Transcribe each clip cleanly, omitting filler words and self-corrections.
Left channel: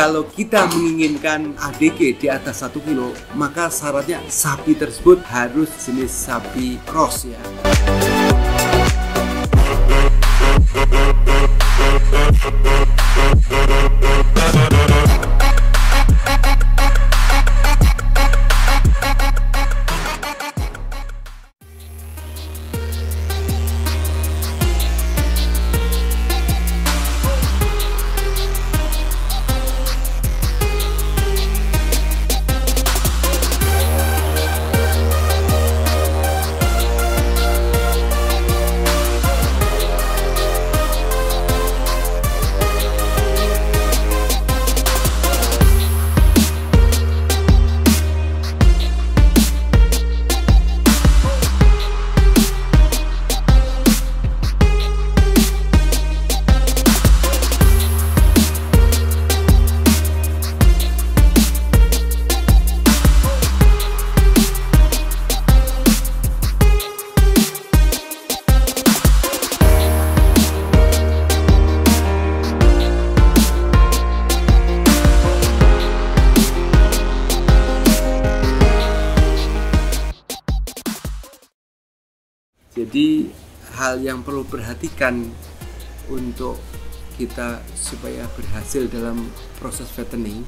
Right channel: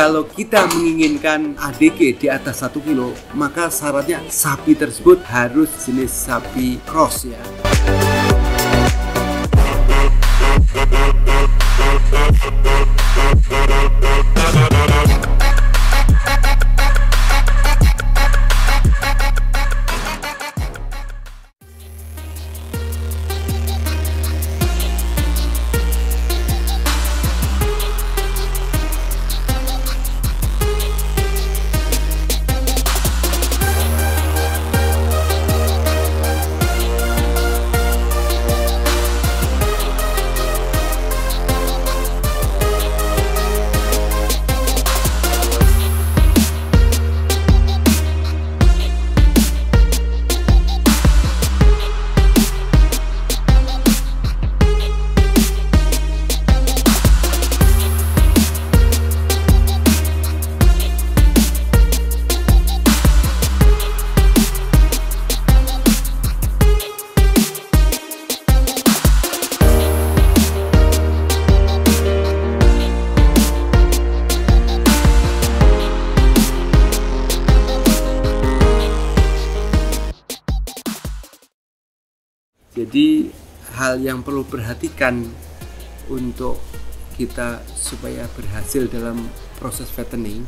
kalau kita menginginkan ADG di atas 1 kilo, maka syaratnya sapi tersebut harus jenis sapi cross ya. Jadi hal yang perlu perhatikan untuk kita supaya berhasil dalam proses fattening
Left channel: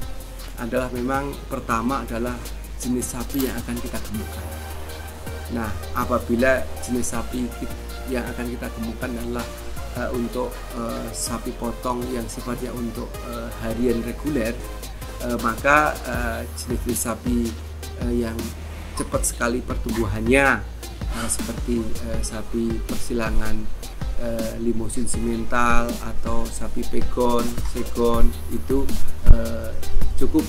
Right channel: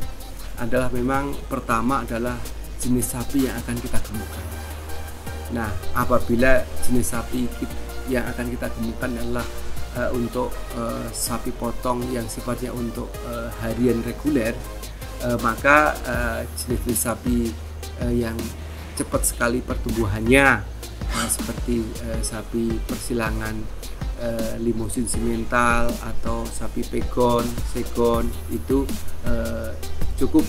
adalah memang pertama adalah jenis sapi yang akan kita gemukkan. Nah, apabila jenis sapi yang akan kita gemukkan adalah untuk sapi potong yang sifatnya untuk harian reguler, maka jenis-jenis sapi yang cepat sekali pertumbuhannya seperti sapi persilangan limosin simental atau sapi pegon, segon itu cukup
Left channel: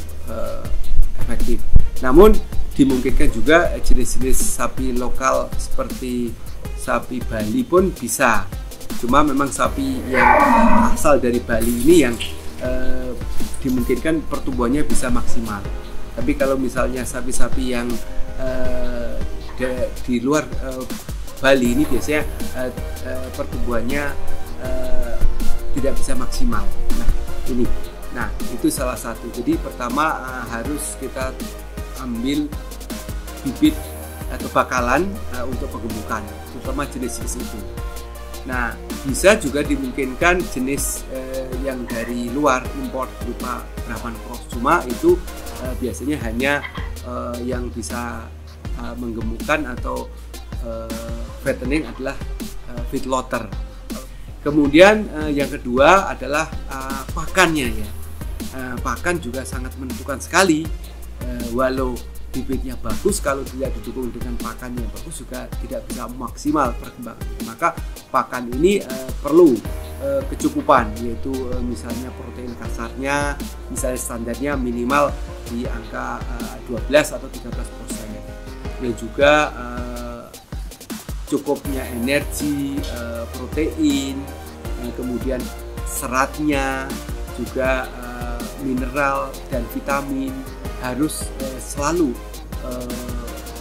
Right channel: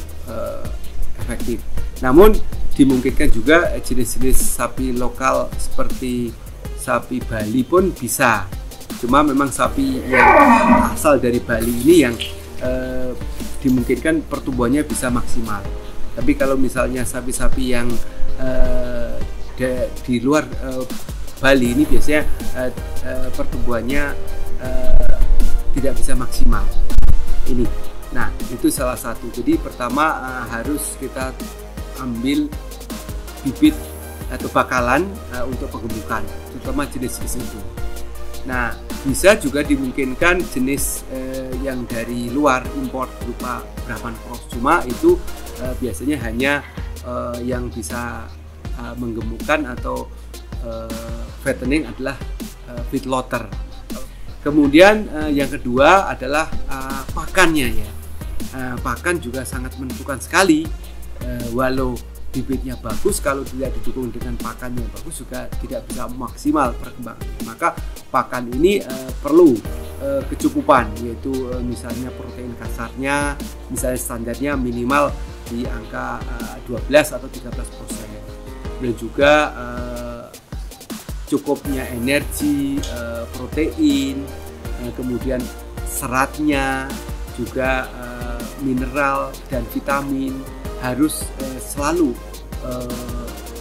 efektif. Namun dimungkinkan juga jenis-jenis sapi lokal seperti sapi Bali pun bisa. Cuma memang sapi yang asal dari Bali ini yang dimungkinkan pertumbuhannya bisa maksimal. Tapi kalau misalnya sapi-sapi yang di luar Bali ini biasanya pertumbuhannya tidak bisa maksimal. Nah, itu salah satu. Jadi pertama harus kita ambil bibit atau bakalan untuk penggemukan, terutama jenis-jenis itu. Nah, bisa juga dimungkinkan jenis yang dari luar import berupa Brahman Cross. Cuma itu biasanya hanya yang bisa menggemukkan atau fattening adalah feedlotter. Kemudian yang kedua adalah pakannya ya. Pakan juga sangat menentukan sekali. Walau bibitnya bagus, kalau tidak didukung dengan pakan yang bagus juga tidak bisa maksimal perkembangannya. Maka pakan ini perlu kecukupan, yaitu misalnya protein kasarnya, misalnya standarnya minimal di angka 12 atau 13%. Dan juga cukupnya energi, protein, kemudian seratnya, juga mineral dan vitamin harus selalu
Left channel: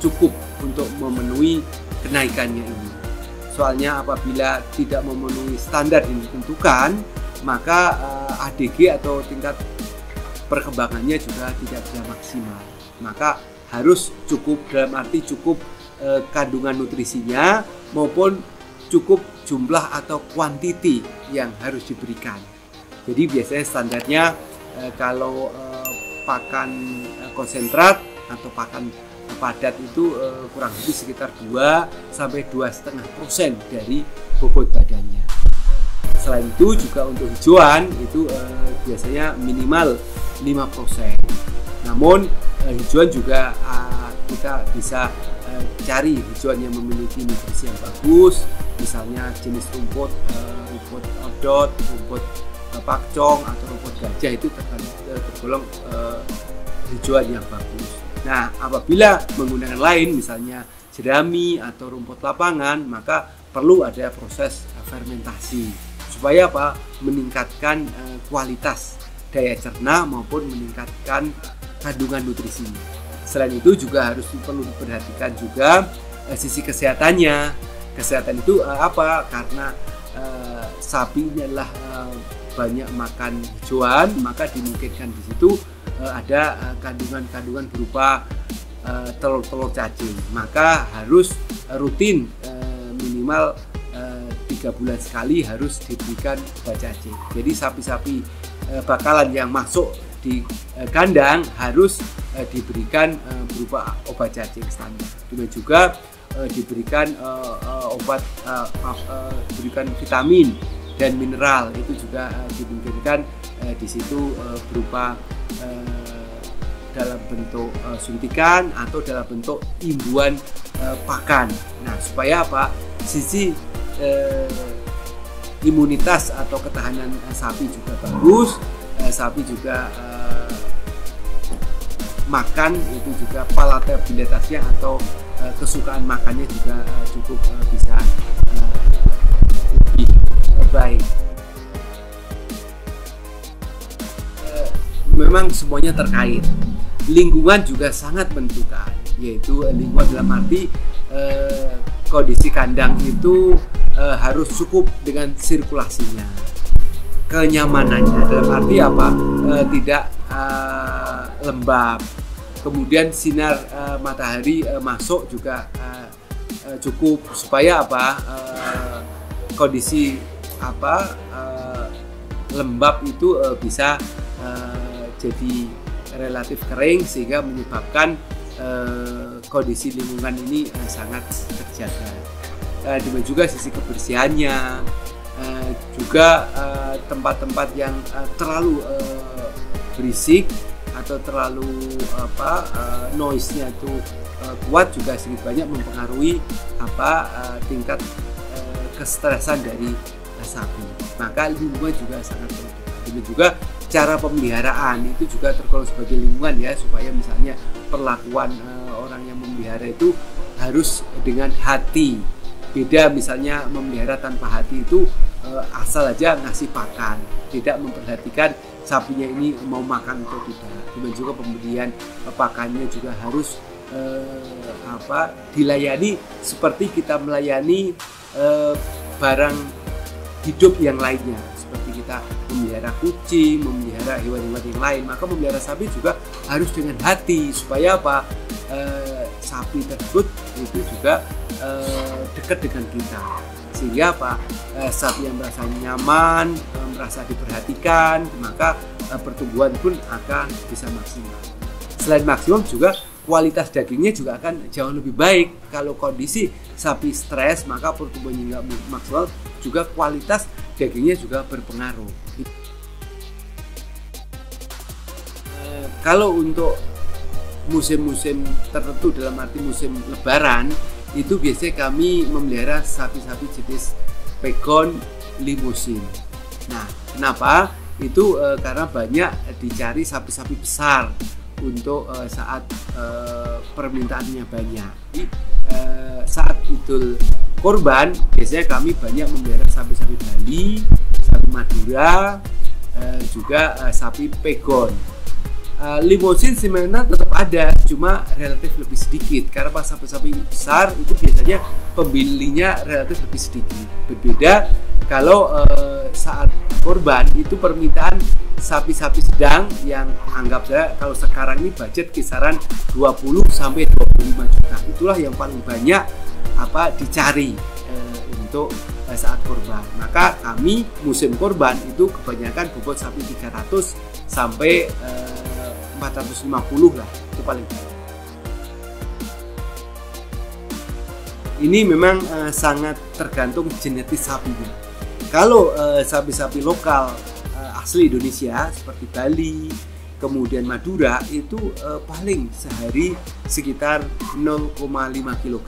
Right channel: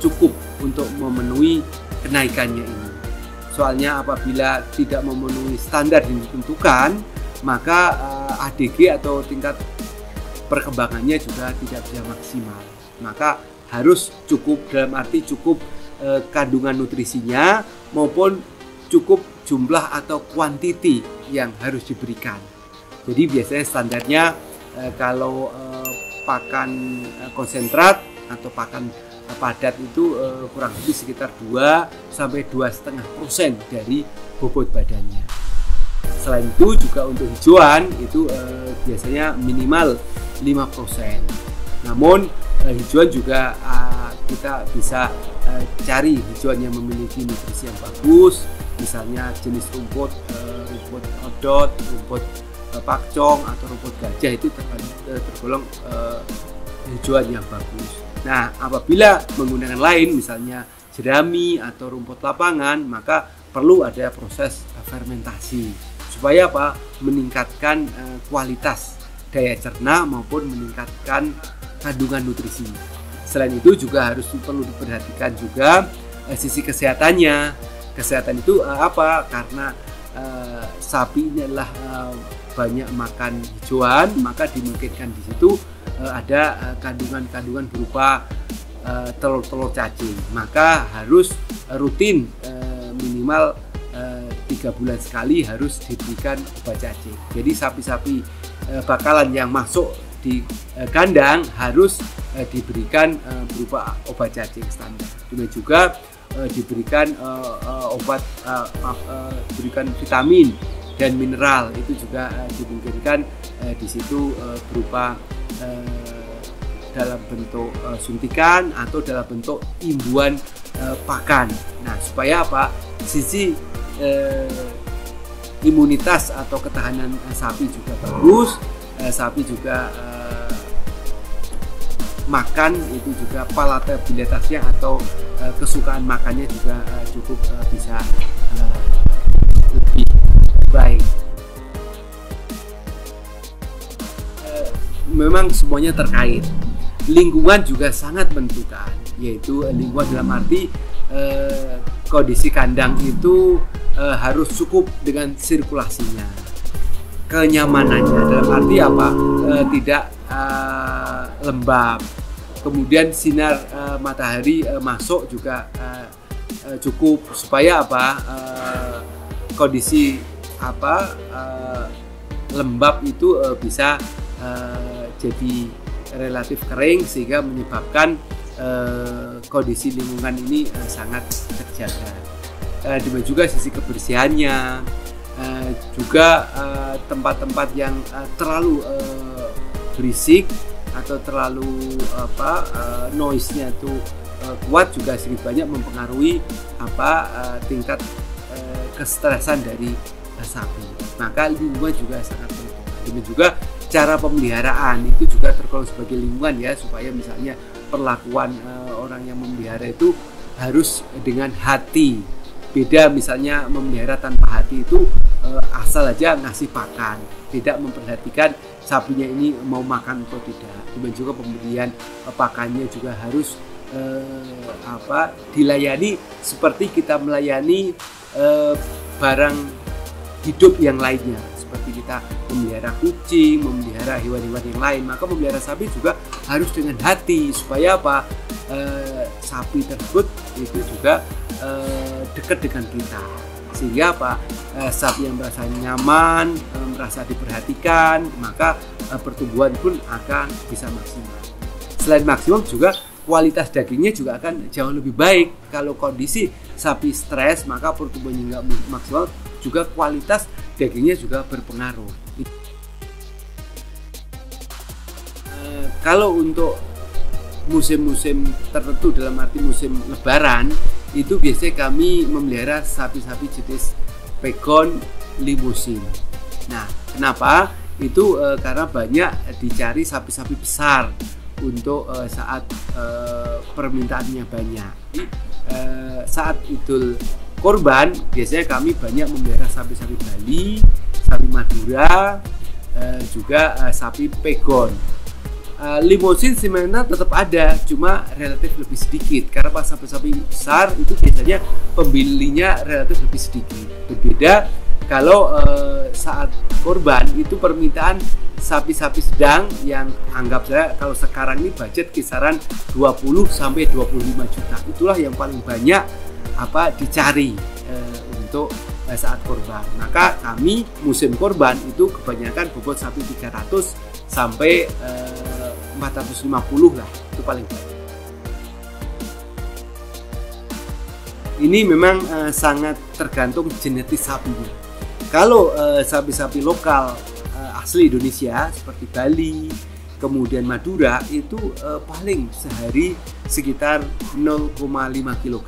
cukup untuk memenuhi kenaikannya ini. Soalnya apabila tidak memenuhi standar yang ditentukan, maka ADG atau tingkat perkembangannya juga tidak bisa maksimal. Maka harus cukup, dalam arti cukup kandungan nutrisinya maupun cukup jumlah atau kuantiti yang harus diberikan. Jadi biasanya standarnya kalau pakan konsentrat atau pakan padat itu kurang lebih sekitar 2-2,5% dari bobot badannya. Selain itu juga untuk hijauan itu biasanya minimal 5%. Namun hijauan juga kita bisa cari hijauan yang memiliki nutrisi yang bagus, misalnya jenis rumput odot, rumput pakcong atau rumput gajah itu tergolong hijauan yang bagus. Nah, apabila menggunakan lain, misalnya jerami atau rumput lapangan, maka perlu ada proses fermentasi supaya apa? Meningkatkan kualitas daya cerna maupun meningkatkan kandungan nutrisinya. Selain itu juga harus perlu diperhatikan juga sisi kesehatannya. Kesehatan itu apa? Karena sapi ini adalah banyak makan hijauan, maka dimungkinkan di situ ada kandungan-kandungan berupa telur-telur cacing. Maka harus rutin minimal 3 bulan sekali harus diberikan obat cacing. Jadi sapi-sapi bakalan yang masuk di kandang harus diberikan berupa obat cacing standar. Demikian juga diberikan diberikan vitamin dan mineral, itu juga dimungkinkan di situ berupa dalam bentuk suntikan atau dalam bentuk imbuhan pakan. Nah, supaya apa? Sisi imunitas atau ketahanan sapi juga bagus, sapi juga makan itu juga palatabilitasnya atau kesukaan makannya juga cukup bisa lebih baik. Memang semuanya terkait. Lingkungan juga sangat menentukan, yaitu lingkungan dalam arti kondisi kandang itu harus cukup dengan sirkulasinya, kenyamanannya dalam arti apa? Tidak lembab, kemudian sinar matahari masuk juga cukup, supaya apa? Kondisi apa lembab itu bisa jadi relatif kering sehingga menyebabkan kondisi lingkungan ini sangat terjaga. Demikian juga sisi kebersihannya, juga tempat-tempat yang terlalu berisik atau terlalu noise-nya itu kuat juga sedikit banyak mempengaruhi tingkat kestresan dari sapi. Maka lingkungan juga sangat menentukan. Demikian juga cara pemeliharaan itu juga tergolong sebagai lingkungan ya, supaya misalnya perlakuan orang yang memelihara itu harus dengan hati. Beda misalnya memelihara tanpa hati itu asal aja ngasih pakan, tidak memperhatikan sapinya ini mau makan atau tidak. Demikian juga pemberian pakannya juga harus dilayani seperti kita melayani barang hidup yang lainnya. Seperti kita memelihara kucing, memelihara hewan-hewan yang lain, maka memelihara sapi juga harus dengan hati, supaya apa? Sapi tersebut itu juga dekat dengan kita, sehingga apa? Sapi yang merasa nyaman, merasa diperhatikan, maka pertumbuhan pun akan bisa maksimal. Selain maksimum juga kualitas dagingnya juga akan jauh lebih baik. Kalau kondisi sapi stres, maka pertumbuhannya nggak maksimal, juga kualitas dagingnya juga berpengaruh. Kalau untuk musim-musim tertentu, dalam arti musim lebaran, itu biasanya kami memelihara sapi-sapi jenis pegon limusin. Nah, kenapa? Itu karena banyak dicari sapi-sapi besar untuk saat permintaannya banyak. Saat Idul Kurban biasanya kami banyak memelihara sapi-sapi Bali, sapi Madura, juga sapi pegon. Limusin simental tetap ada, cuma relatif lebih sedikit karena pas sapi-sapi besar itu biasanya pembelinya relatif lebih sedikit. Berbeda kalau saat kurban itu permintaan sapi-sapi sedang yang anggap saya kalau sekarang ini budget kisaran 20 sampai 25 juta. Itulah yang paling banyak dicari untuk saat kurban. Maka kami musim kurban itu kebanyakan bobot sapi 300 sampai 450 lah, itu paling banyak. Ini memang sangat tergantung genetis sapinya. Kalau sapi-sapi lokal asli Indonesia seperti Bali, kemudian Madura itu paling sehari sekitar 0,5 kg.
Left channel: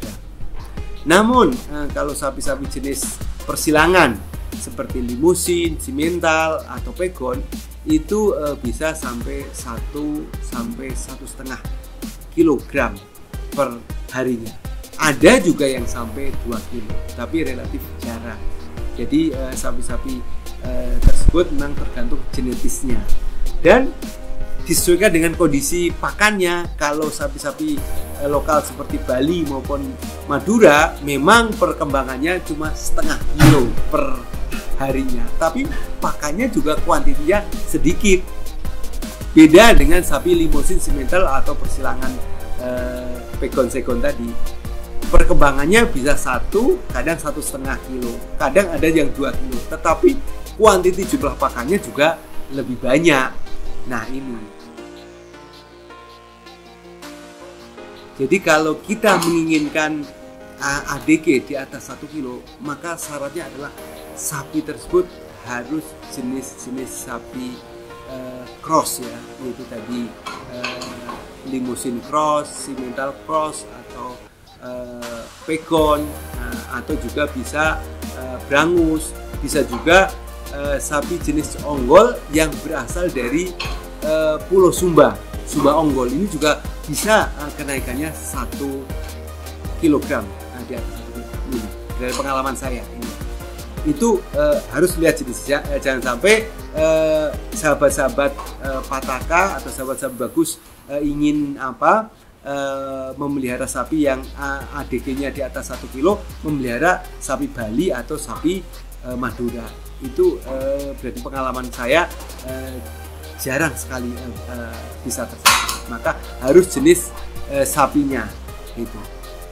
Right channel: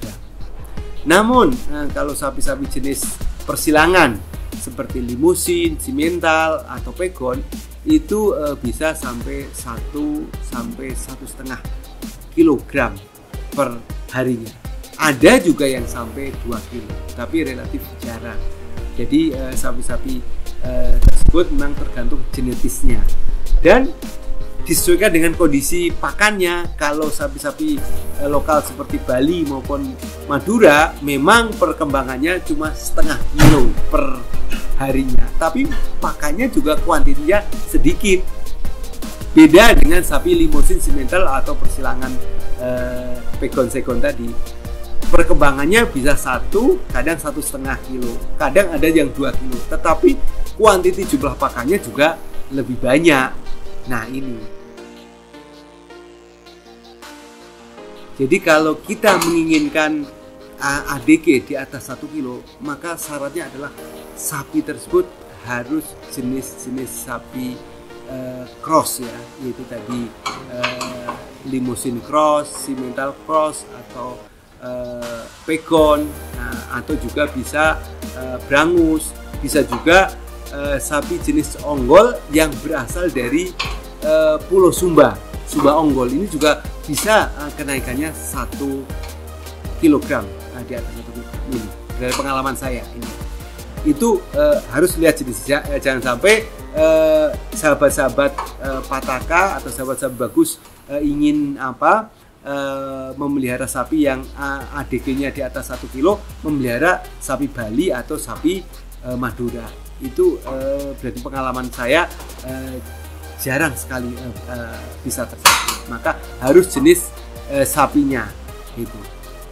Namun kalau sapi-sapi jenis persilangan seperti limusin, simental atau pegon itu bisa sampai 1 sampai 1,5 kg per harinya. Ada juga yang sampai 2 kg, tapi relatif jarang. Jadi sapi-sapi tersebut memang tergantung genetisnya. Dan disesuaikan dengan kondisi pakannya. Kalau sapi-sapi lokal seperti Bali maupun Madura memang perkembangannya cuma setengah kilo per harinya, tapi pakannya juga kuantitinya sedikit. Beda dengan sapi Limousin Simmental atau persilangan Pegon Segon tadi, perkembangannya bisa 1, kadang 1,5 kilo, kadang ada yang 2 kilo, tetapi kuantiti jumlah pakannya juga lebih banyak. Nah ini, jadi kalau kita menginginkan ADG di atas 1 kilo, maka syaratnya adalah sapi tersebut harus jenis-jenis sapi cross ya, yaitu tadi Limousin cross, Simmental cross, atau Pegon, atau juga bisa Brangus, bisa juga sapi jenis Ongol yang berasal dari Pulau Sumba, Sumba Ongol. Ini juga bisa kenaikannya 1 kilogram, di atas 1 kilogram ini. Dari pengalaman saya ini, itu harus lihat jenisnya. Jangan sampai sahabat-sahabat Pataka atau sahabat-sahabat bagus ingin memelihara sapi yang ADG-nya di atas 1 kilo, memelihara sapi Bali atau sapi Madura. Itu berarti pengalaman saya jarang sekali bisa terjadi. Maka harus jenis sapinya, itu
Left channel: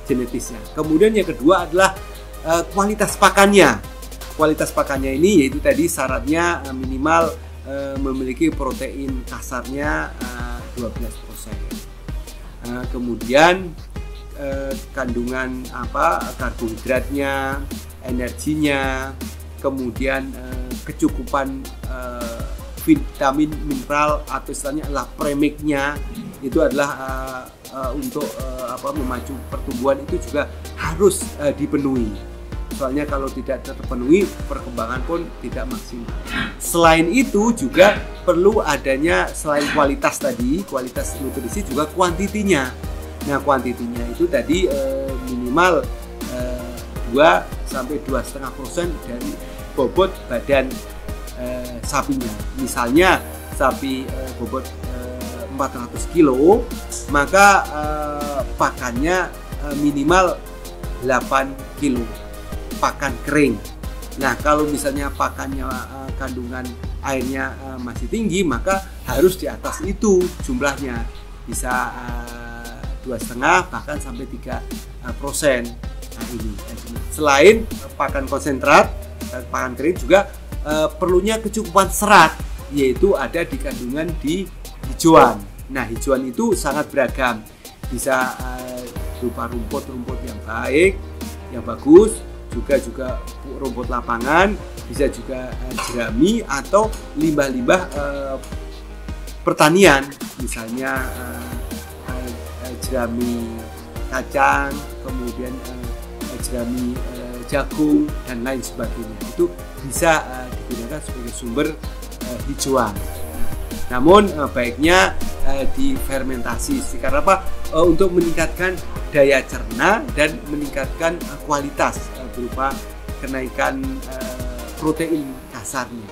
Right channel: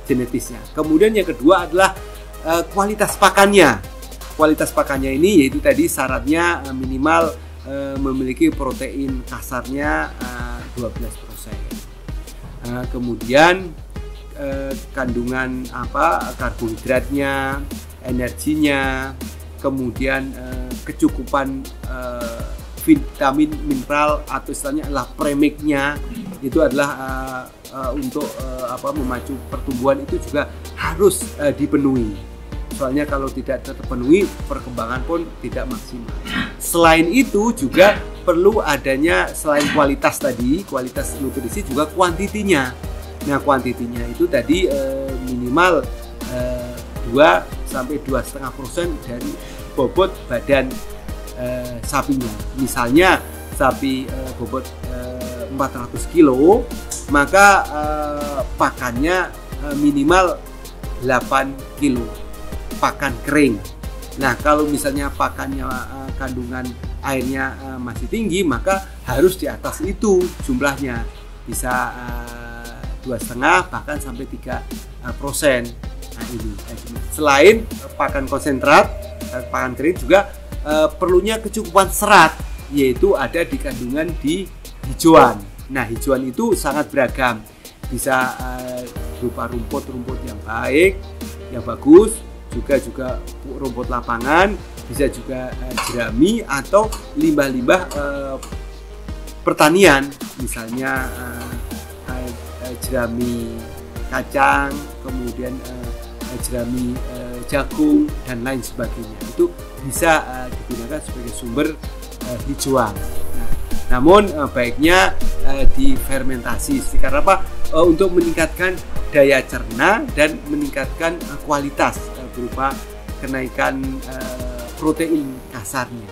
genetisnya. Kemudian yang kedua adalah kualitas pakannya. Kualitas pakannya ini yaitu tadi syaratnya minimal memiliki protein kasarnya 12%. Kemudian kandungan karbohidratnya, energinya, kemudian kecukupan vitamin, mineral atau istilahnya adalah premiknya, itu adalah untuk memacu pertumbuhan, itu juga harus dipenuhi. Soalnya kalau tidak terpenuhi, perkembangan pun tidak maksimal. Selain itu juga perlu adanya, selain kualitas tadi, kualitas nutrisi, juga kuantitinya. Nah kuantitinya itu tadi minimal 2-2,5% dari bobot badan sapinya. Misalnya sapi bobot 400 kilo, maka pakannya minimal 8 kilo pakan kering. Nah kalau misalnya pakannya kandungan airnya masih tinggi, maka harus di atas itu jumlahnya, bisa 2,5 bahkan sampai 3%. Nah ini selain pakan konsentrat, pakan kering juga perlunya kecukupan serat, yaitu ada di kandungan di hijauan. Nah hijauan itu sangat beragam, bisa berupa rumput-rumput yang baik, yang bagus, juga rumput lapangan, bisa juga jerami atau limbah-limbah pertanian, misalnya jerami kacang, kemudian jerami jagung dan lain sebagainya. Itu bisa digunakan sebagai sumber hijauan. Namun baiknya difermentasi, karena apa? Untuk meningkatkan daya cerna dan meningkatkan kualitas berupa kenaikan protein kasarnya.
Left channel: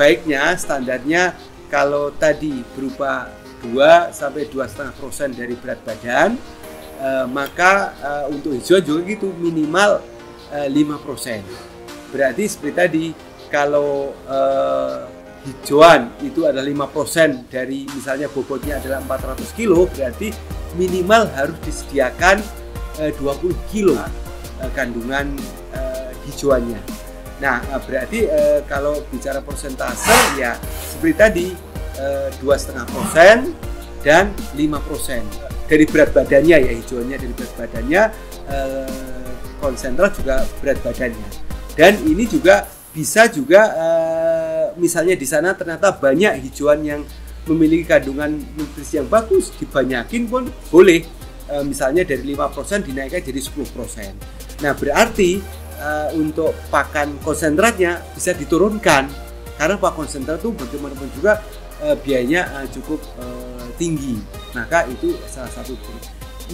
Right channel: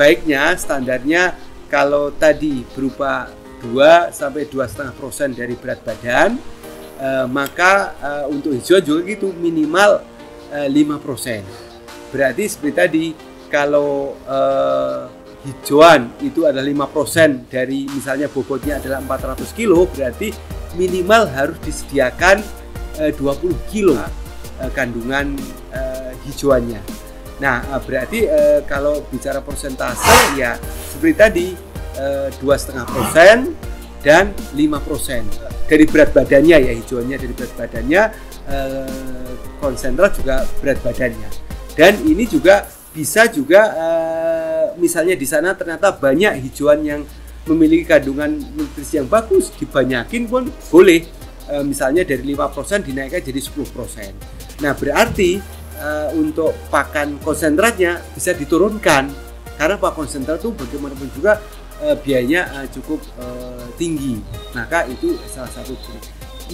Baiknya standarnya kalau tadi berupa 2-2,5% dari berat badan, maka untuk hijauan juga gitu, minimal 5%. Berarti seperti tadi, kalau hijauan itu adalah 5% dari, misalnya bobotnya adalah 400 kilo, berarti minimal harus disediakan 20 kilo kandungan hijauannya. Nah berarti kalau bicara persentase ya seperti tadi, 2,5% dan 5% dari berat badannya ya, hijauannya dari berat badannya, konsentrat juga berat badannya. Dan ini juga bisa juga misalnya di sana ternyata banyak hijauan yang memiliki kandungan nutrisi yang bagus, dibanyakin pun boleh. Misalnya dari 5% dinaikkan jadi 10%. Nah berarti untuk pakan konsentratnya bisa diturunkan, karena pakan konsentrat itu bagaimanapun juga biayanya cukup tinggi. Maka itu salah satu.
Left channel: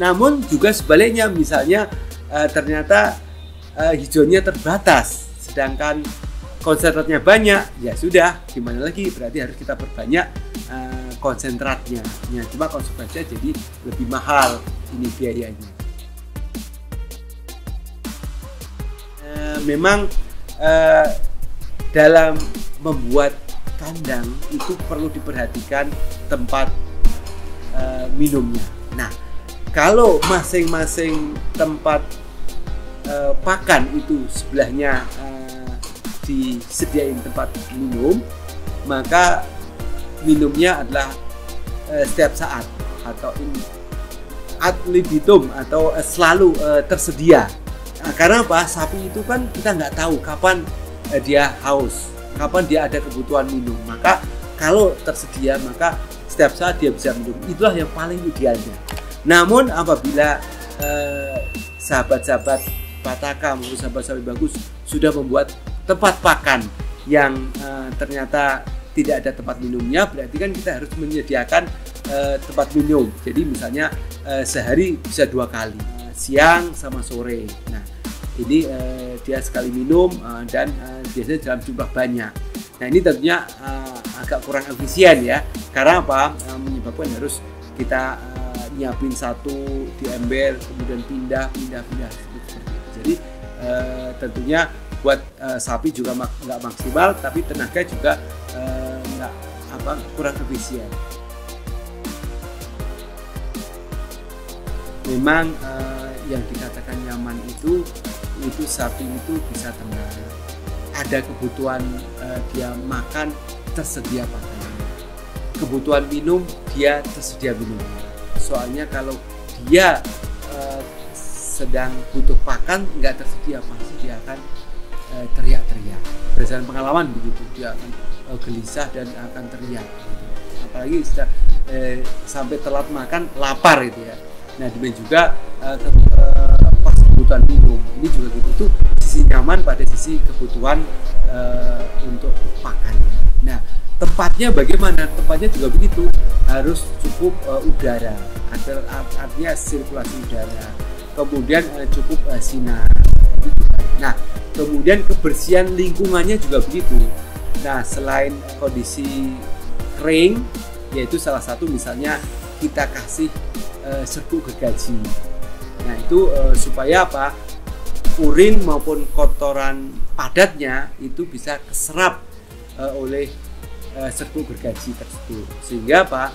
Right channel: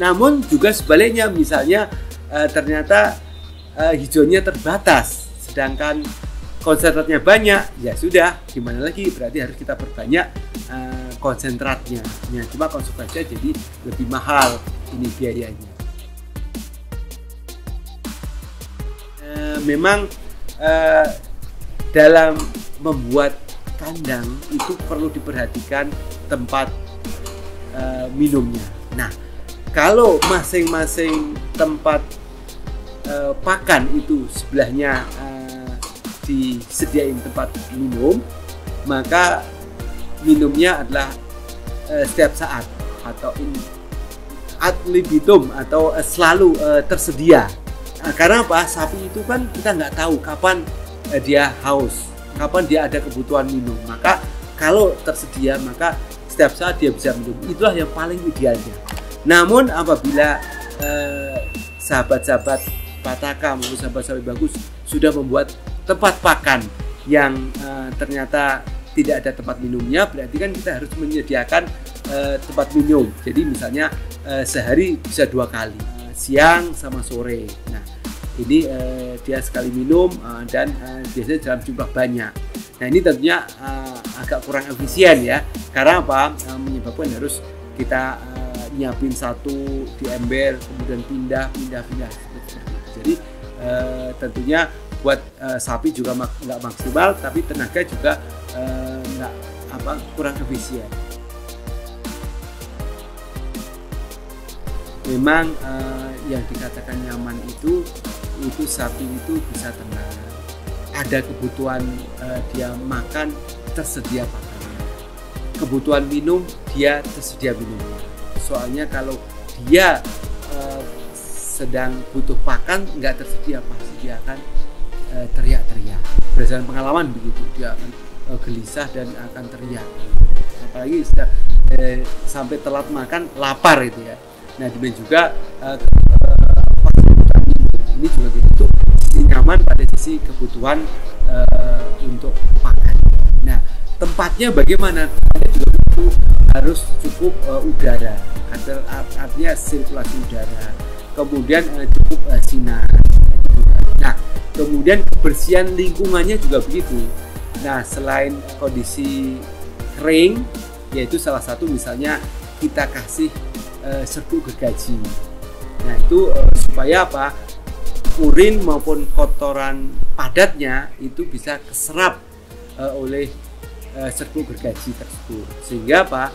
Namun juga sebaliknya, misalnya ternyata hijauannya terbatas, sedangkan konsentratnya banyak, ya sudah, gimana lagi, berarti harus kita perbanyak konsentratnya. Ya, cuma konsumsinya jadi lebih mahal ini biayanya. Memang dalam membuat kandang itu perlu diperhatikan tempat minumnya. Nah, kalau masing-masing tempat pakan itu sebelahnya disediain tempat minum, maka minumnya adalah setiap saat atau ad libitum atau selalu tersedia. Nah, karena apa? Sapi itu kan kita nggak tahu kapan dia haus, kapan dia ada kebutuhan minum. Maka kalau tersedia, maka setiap saat dia bisa minum. Itulah yang paling idealnya. Namun apabila sahabat-sahabat Pataka maupun sahabat Sapi Bagus sudah membuat tempat pakan yang ternyata tidak ada tempat minumnya, berarti kan kita harus menyediakan tempat minum. Jadi misalnya sehari bisa 2 kali, siang sama sore. Nah, ini dia sekali minum dan biasanya dalam jumlah banyak. Nah, ini tentunya agak kurang efisien ya, karena apa? Menyebabkan harus kita nyiapin satu di ember, kemudian pindah seperti itu. Jadi tentunya buat sapi juga nggak maksimal, tapi tenaga juga kurang efisien. Memang yang dikatakan nyaman itu sapi itu bisa tenang, ada kebutuhan dia makan, tersedia pakannya, kebutuhan minum dia tersedia minumnya. Soalnya kalau dia sedang butuh pakan nggak tersedia, pasti dia akan teriak-teriak. Berdasarkan pengalaman begitu, dia akan gelisah dan akan teriak. Apalagi sudah sampai telat makan, lapar itu ya. Nah, demikian juga pas kebutuhan minum, ini juga gitu. Itu sisi nyaman pada sisi kebutuhan untuk pakan. Nah, tempatnya bagaimana? Tempatnya juga begitu, harus cukup udara, artinya sirkulasi udara. Kemudian cukup sinar. Nah, kemudian kebersihan lingkungannya juga begitu. Nah, selain kondisi kering, yaitu salah satu misalnya kita kasih serbuk gergaji. Nah, itu supaya apa? Urin maupun kotoran padatnya itu bisa keserap oleh serbuk gergaji tersebut, sehingga apa?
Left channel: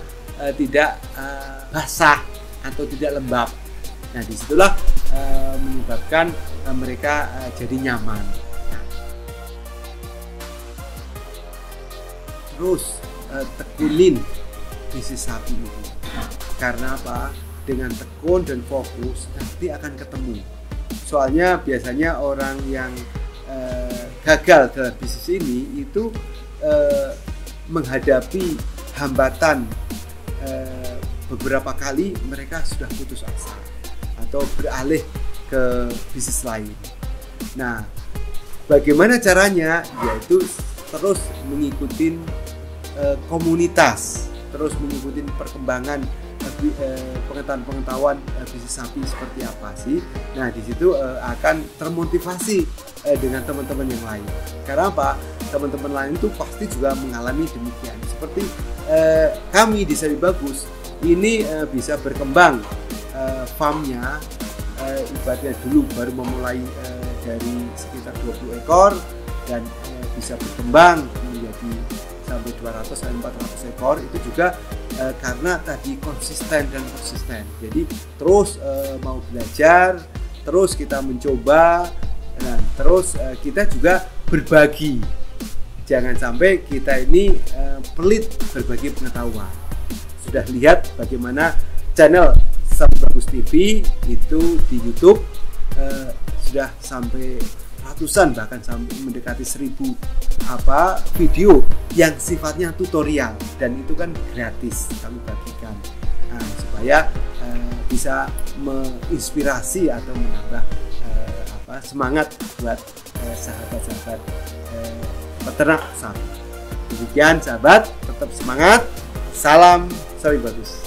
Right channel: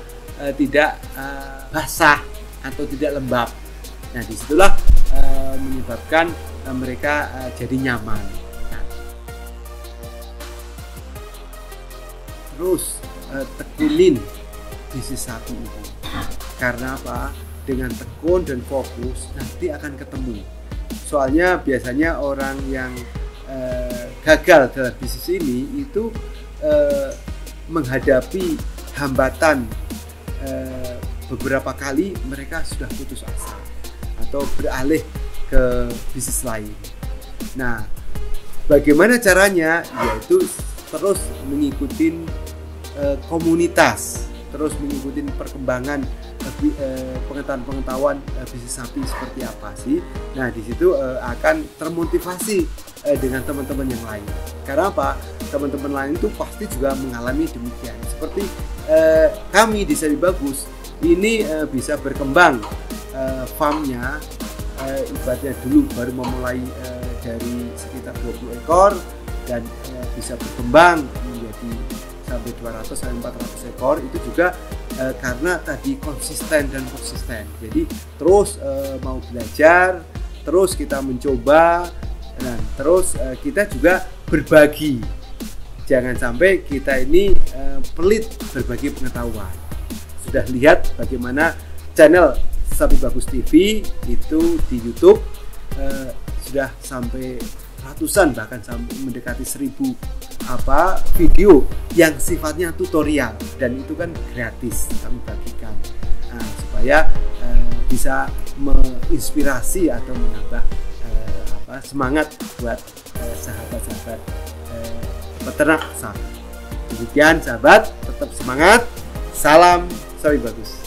Tidak basah atau tidak lembab. Nah, disitulah menyebabkan mereka jadi nyaman. Nah, terus tekunin bisnis sapi itu, karena apa? Dengan tekun dan fokus nanti akan ketemu. Soalnya biasanya orang yang gagal dalam bisnis ini itu menghadapi hambatan beberapa kali, mereka sudah putus asa atau beralih ke bisnis lain. Nah, bagaimana caranya? Yaitu terus mengikuti komunitas, terus mengikuti perkembangan pengetahuan bisnis sapi seperti apa sih. Nah, di situ akan termotivasi dengan teman-teman yang lain. Karena apa? Teman-teman lain itu pasti juga mengalami demikian. Seperti kami di Sapi Bagus ini bisa berkembang farmnya, ibaratnya dulu baru memulai dari sekitar 20 ekor dan bisa berkembang menjadi sampai 200 sampai 400 ekor. Itu juga karena tadi konsisten dan persisten. Jadi terus mau belajar, terus kita mencoba, dan terus kita juga berbagi. Jangan sampai kita ini pelit berbagi pengetahuan. Sudah lihat bagaimana channel Sapi Bagus TV itu di YouTube sudah sampai ratusan, bahkan sampai mendekati 1000 video yang sifatnya tutorial, dan itu kan gratis kami bagikan supaya bisa menginspirasi atau menambah semangat buat sahabat-sahabat peternak sapi. Demikian sahabat, tetap semangat, salam Sapi Bagus.